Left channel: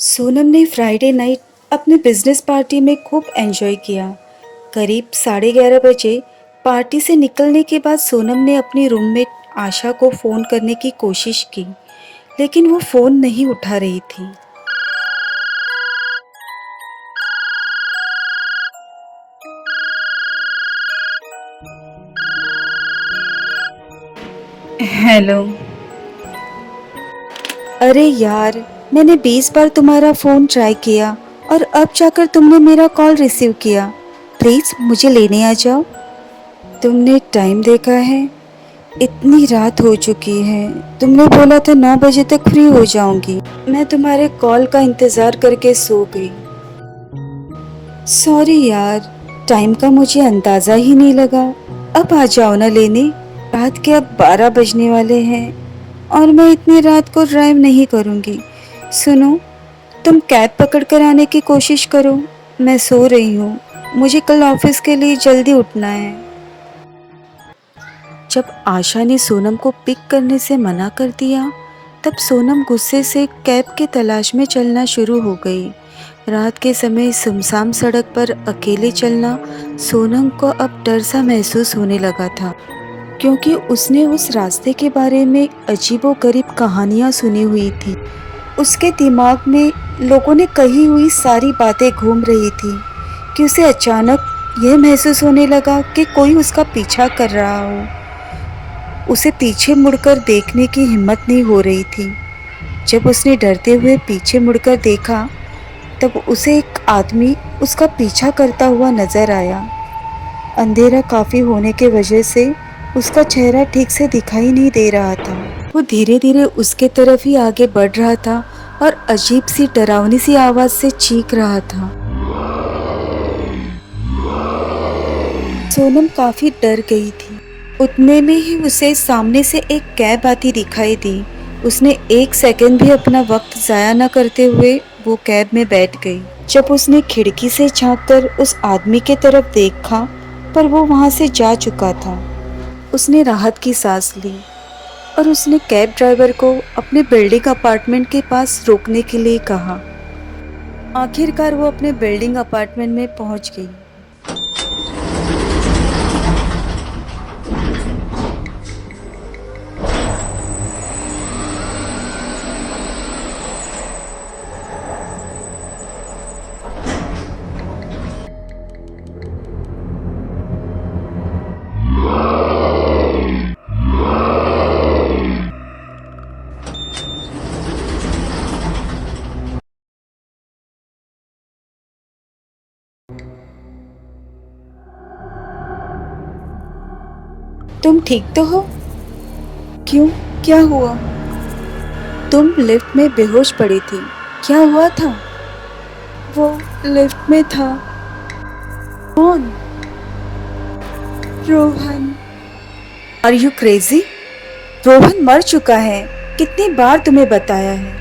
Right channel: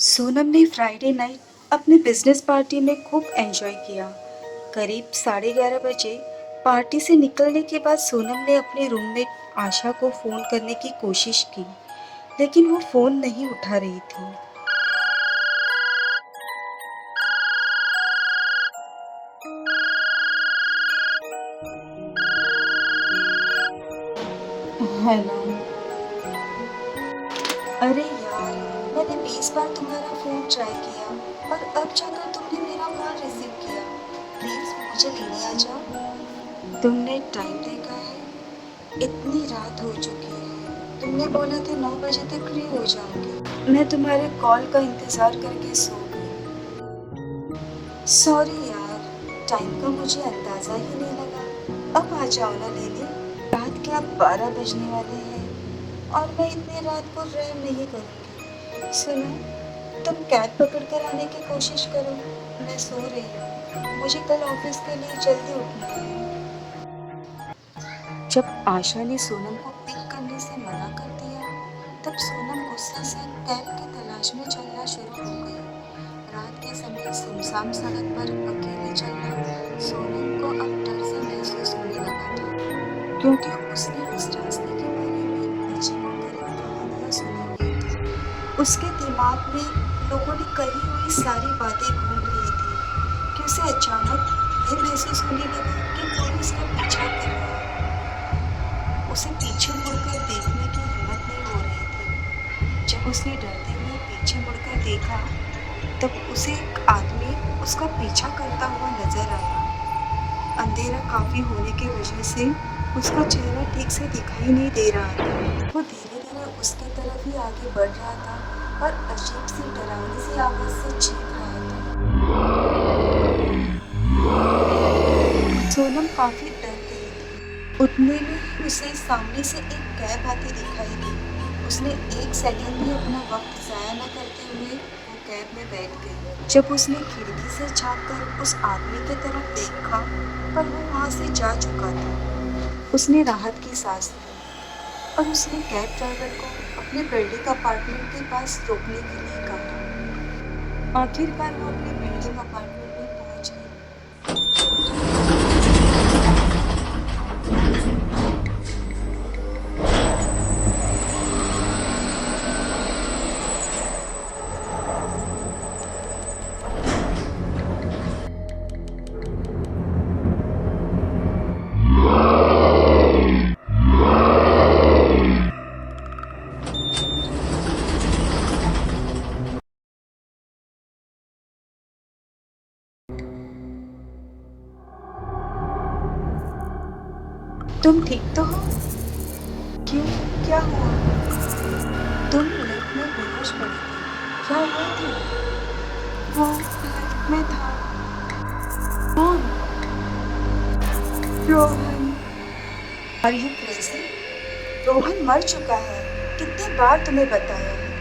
सोनम ने Friday night अपने business party में खूब एंजॉय किया। करीब 11:30 बजे पार्टी से निकलने के बाद सोनम ने अपनी रूममेट आशा को फ़ोन करने की कोशिश की, लेकिन वो फ़ोन नहीं उठा रही थी। हेलो। अरे यार, मैंने 20 बार तुम्हारा फ़ोन ट्राई किया और अब जाकर तुमने मेरा कॉल रिसीव किया। प्लीज़ मुझे लेने आ जाओ। तुमने टाइम देखा है? इतनी रात हो चुकी है। तुमने बोला था 9 बजे तक फ्री हो जाऊंगी। मैं तुम्हारे कॉल का इंतज़ार करके सो गई। सॉरी यार, टाइम का मुझे अंदाज़ा ही नहीं लगा। अब आ जाओ ना लेने। रात के अब 12 बजने वाले हैं और मैं इतनी रात को ड्राइव नहीं करूंगी। सुनो, तुम कैब पकड़ कर आने की कोशिश करो। मैं सो रही हूँ। मुझे कल ऑफिस के लिए जल्दी उठना है। जब आशा ने सोनम को पिक करने से मना कर दिया, तब सोनम गुस्से से कैब की तलाश में चलना शुरू हो गई। रात के समय सुनसान सड़क पर अकेले चलना सोनम को अब डर सा महसूस होने लगा था, क्योंकि उसने उस रास्ते के बारे में अजीबोगरीब कहानियां सुनी हुई थी। उसके दिमाग में लोगों ने कही हुई सारी बातें घूम रही थी कि उसे अचानक यह महसूस होने लगा कि कोई उसका पीछा कर रहा हो। उसे पीछे मुड़कर देखने की हिम्मत नहीं हो रही थी। जब उसने डरते हुए पीछे मुड़कर देखा, तब उसे एक आदमी उसका पीछा करता हुआ नजर आया। अंधेरा काफी होने की वजह से उसका चेहरा ठीक से दिखाई नहीं दे रहा था। वो धीरे धीरे उसके तरफ ही आगे बढ़ रहा था और अजीब सी डरावनी सी आवाज से चीख रहा था। सोनम काफी डर गई थी। उतने में ही उसे सामने से एक कैब आती दिखाई दी। उसने एक सेकंड भी अपना वक्त जाया न करते हुए वो कैब में बैठ गई। जब उसने खिड़की से झांककर उस आदमी के तरफ देखा, पर वो वहां से जा चुका था। उसने राहत की सांस ली और उसने कैब ड्राइवर को अपने बिल्डिंग अपार्टमेंट के पास रोकने के लिए कहा। आखिरकार वो अपने बिल्डिंग अपार्टमेंट में पहुंच गई। तुम ठीक तो हो? क्यों, क्या हुआ? तुम लिफ्ट में बेहोश पड़ी थी। क्या हुआ था? वो लिफ्ट में था। कौन? Rohan. Are you crazy? Rohan मर चुका है। कितनी बार तुम्हें बताया है?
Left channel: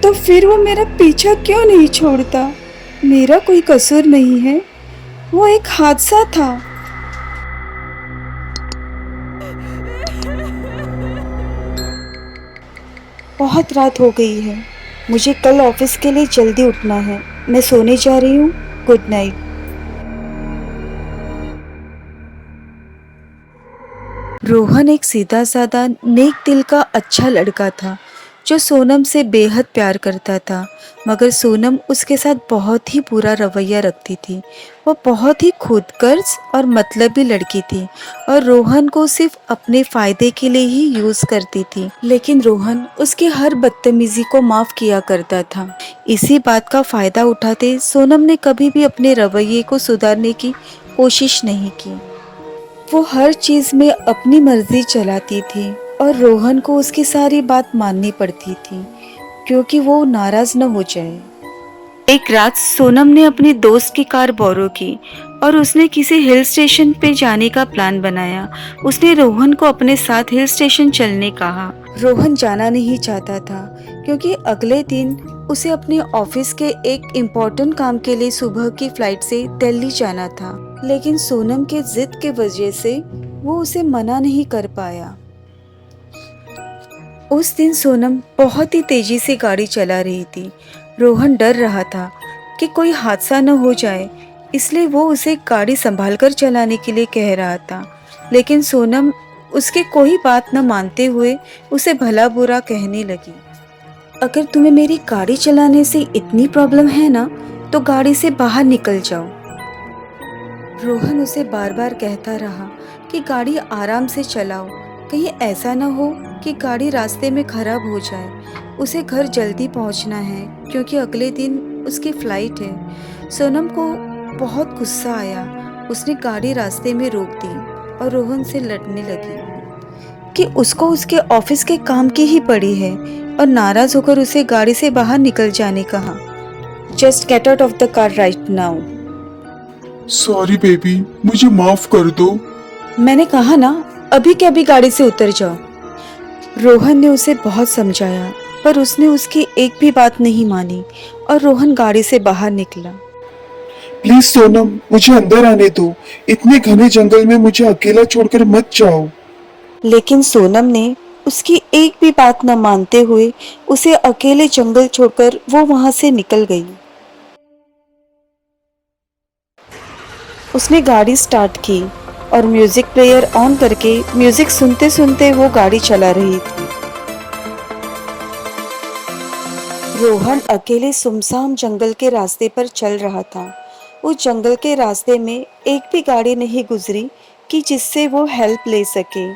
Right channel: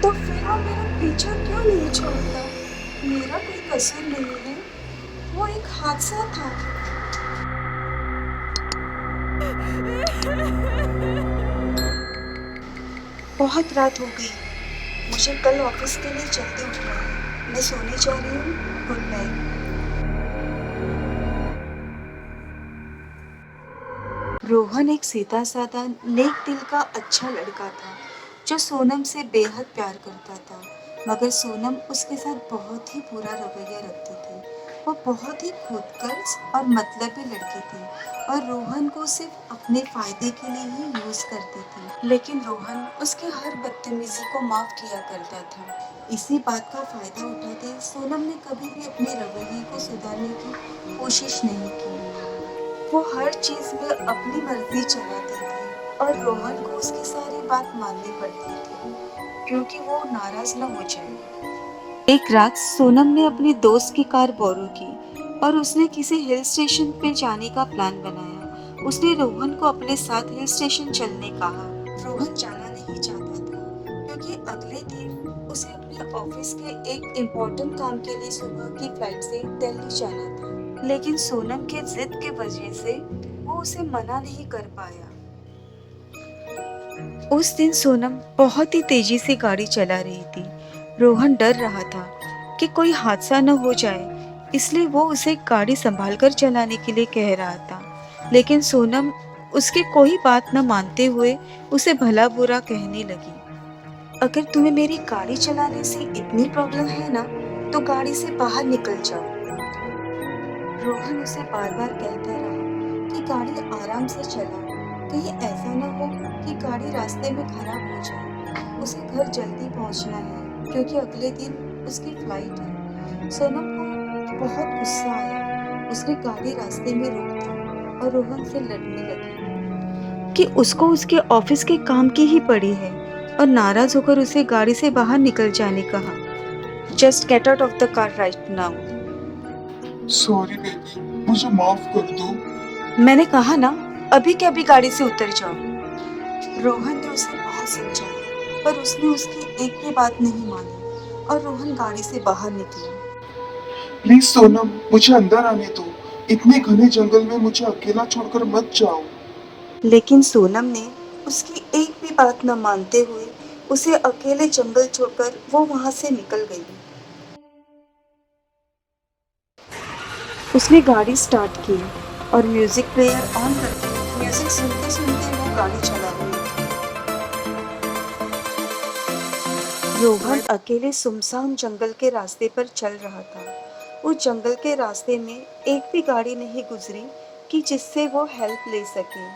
तो फिर वो मेरा पीछा क्यों नहीं छोड़ता? मेरा कोई कसूर नहीं है। वो एक हादसा था। बहुत रात हो गई है। मुझे कल ऑफिस के लिए जल्दी उठना है। मैं सोने जा रही हूँ। Good night. रोहन एक सीधा साधा नेक दिल का अच्छा लड़का था, जो सोनम से बेहद प्यार करता था। मगर सोनम उसके साथ बहुत ही बुरा रवैया रखती थी। वो बहुत ही खुदगर्ज और मतलबी लड़की थी और रोहन को सिर्फ अपने फायदे के लिए ही यूज करती थी। लेकिन रोहन उसकी हर बदतमीजी को माफ किया करता था। इसी बात का फायदा उठाते सोनम ने कभी भी अपने रवैये को सुधारने की कोशिश नहीं की। वो हर चीज में अपनी मर्जी चलाती थी और रोहन को उसकी सारी बात माननी पड़ती थी, क्योंकि वो नाराज न हो जाए। एक रात सोनम ने अपनी दोस्त की कार बोरो की और उसने किसी हिल स्टेशन पे जाने का प्लान बनाया। उसने रोहन को अपने साथ हिल स्टेशन चलने कहा। रोहन जाना नहीं चाहता था, क्योंकि अगले दिन उसे अपने ऑफिस के एक इम्पोर्टेंट काम के लिए सुबह की फ्लाइट से दिल्ली जाना था। लेकिन सोनम के जिद के वजह से वो उसे मना नहीं कर पाया। उस दिन सोनम बहुत ही तेजी से गाड़ी चला रही थी रोहन डर रहा था कि कोई हादसा न हो जाए, इसलिए वो उसे गाड़ी संभालकर चलाने के लिए कह रहा था। लेकिन सोनम उसकी कोई बात न मानते हुए उसे भला बुरा कहने लगी। अगर तुम्हें मेरी गाड़ी चलाने से इतनी प्रॉब्लम है ना, तो गाड़ी से बाहर निकल जाओ। रोहन उसे बार बार कहता रहा कि गाड़ी आराम से चलाओ, कहीं ऐसा न हो कि गाड़ी रास्ते में खराब हो जाए। उसे घर जल्दी पहुंचना है क्योंकि अगले दिन उसकी फ्लाइट है। सोनम को बहुत गुस्सा आया। उसने गाड़ी रास्ते में रोक दी और रोहन से लड़ने लगी कि उसको उसके ऑफिस के काम की ही पड़ी है, और नाराज होकर उसे गाड़ी से बाहर निकल जाने कहा। Just get out of the car right now. Sorry baby, मुझे माफ कर दो। मैंने कहा ना, अभी के अभी गाड़ी से उतर जाओ। रोहन ने उसे बहुत समझाया, पर उसने उसकी एक भी बात नहीं मानी और रोहन गाड़ी से बाहर निकला। प्लीज सोनम, मुझे अंदर आने दो। इतने घने जंगल में मुझे अकेला छोड़कर मत जाओ। लेकिन सोनम ने उसकी एक भी बात न मानते हुए उसे अकेले जंगल छोड़कर वो वहां से निकल गई। उसने गाड़ी स्टार्ट की और म्यूजिक प्लेयर ऑन करके म्यूजिक सुनते सुनते वो गाड़ी चला रही थी। रोहन अकेले सुनसान जंगल के रास्ते पर चल रहा था। उस जंगल के रास्ते में एक भी गाड़ी नहीं गुजरी कि जिससे वो हेल्प ले सके।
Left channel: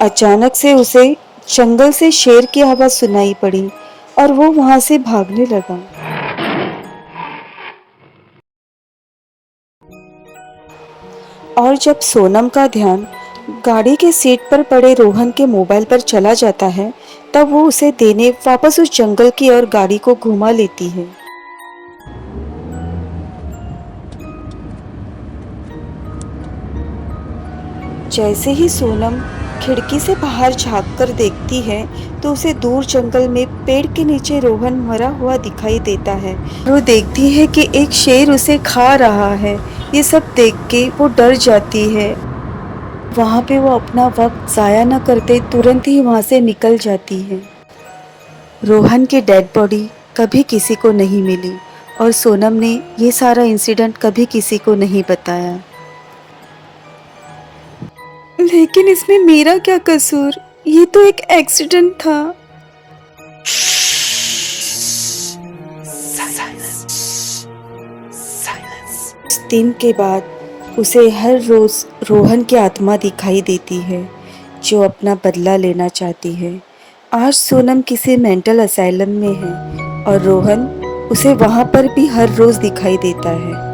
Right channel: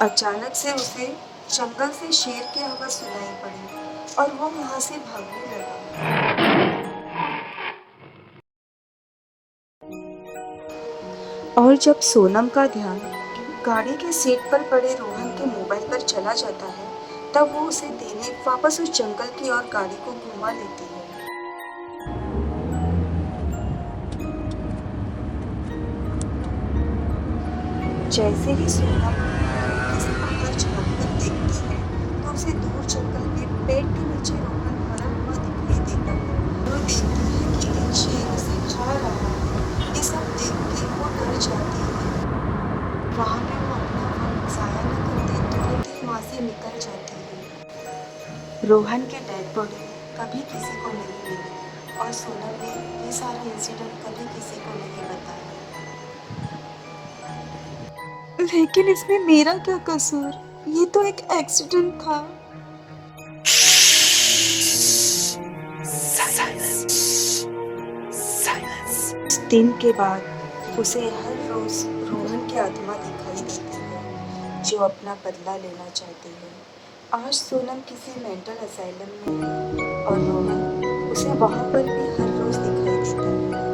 अचानक से उसे जंगल से शेर की आवाज सुनाई पड़ी और वो वहां से भागने लगा। और जब सोनम का ध्यान गाड़ी के सीट पर पड़े रोहन के मोबाइल पर चला जाता है, तब वो उसे देने वापस उस जंगल की ओर गाड़ी को घुमा लेती है। जैसे ही सोनम खिड़की से बाहर झांक कर देखती है, तो उसे दूर जंगल में पेड़ के नीचे रोहन मरा हुआ दिखाई देता है। वो देखती है कि एक शेर उसे खा रहा है। ये सब देख के वो डर जाती है। वहाँ पे वो अपना वक्त ज़ाया न करते तुरंत ही वहाँ से निकल जाती है। रोहन की डेड बॉडी कभी किसी को नहीं मिली और सोनम ने ये सारा इंसिडेंट कभी किसी को नहीं बताया। लेकिन इसमें मेरा क्या कसूर? ये तो एक एक्सीडेंट था। उस दिन के बाद उसे हर रोज रोहन की आत्मा दिखाई देती है, जो अपना बदला लेना चाहती है। आज सोनम किसी मेंटल असाइलम में है और रोहन उसे वहां पर भी हर रोज दिखाई देता है।